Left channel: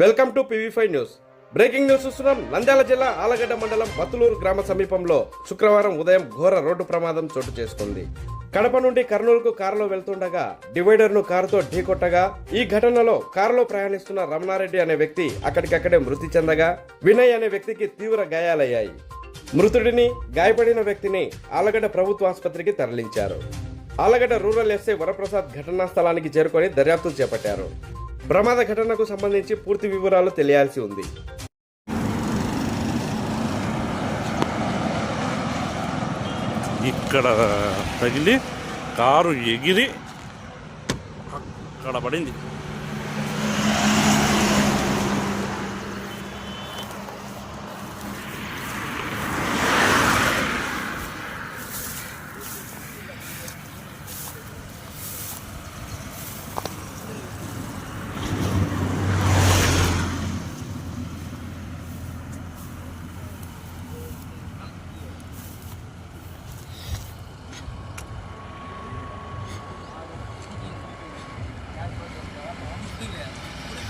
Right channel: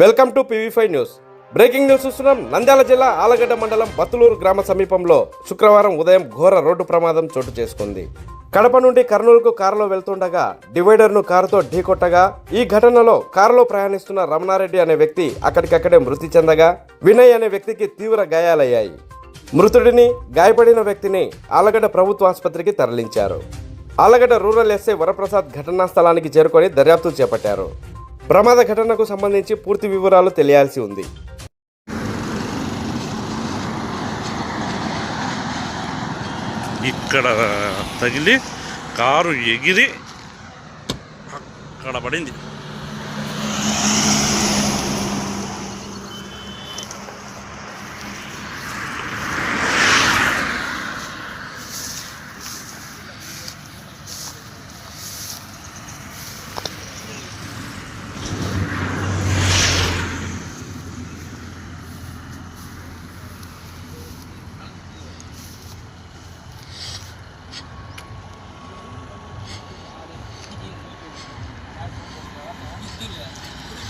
Welcome to PV five news. Breaking news చూస్తున్నాం. నంద్యాల జిల్లా ఆలగడ్డ మండలం బత్తులూరు గ్రామ సమీపంలో శుక్రవారం ఉదయం ఘోర రోడ్డు ప్రమాదం చోటు చేసుకుంది. కడప నుండి కర్నూలుకు కారులో వెళ్తుండగా డివైడర్ను కారుతో ఢీకొట్టగా ఈ ఘటనలో కారులో ప్రయాణిస్తున్న రమణారెడ్డి అనే వ్యక్తి అక్కడికక్కడే మృతి చెందగా వినయ్ అనే వ్యక్తికి తీవ్ర గాయాలయ్యాయి. మృతుడిని గాయపడిన వ్యక్తిని ఆలగడ్డ ప్రభుత్వ ఆసుపత్రికి తరలించారు. ఆలగడ్డ రూరల్ ఎస్ఐ వరప్రసాద్ ఘటనా స్థలానికి చేరుకొని దర్యాప్తు చేపట్టారు. ప్రమాద ఘటనకు సంబంధించి పూర్తి వివరాలు తెలియాల్సి ఉంది. ఇక్కడ తగిలి కారు ఎగిరి అక్కడ పడింది.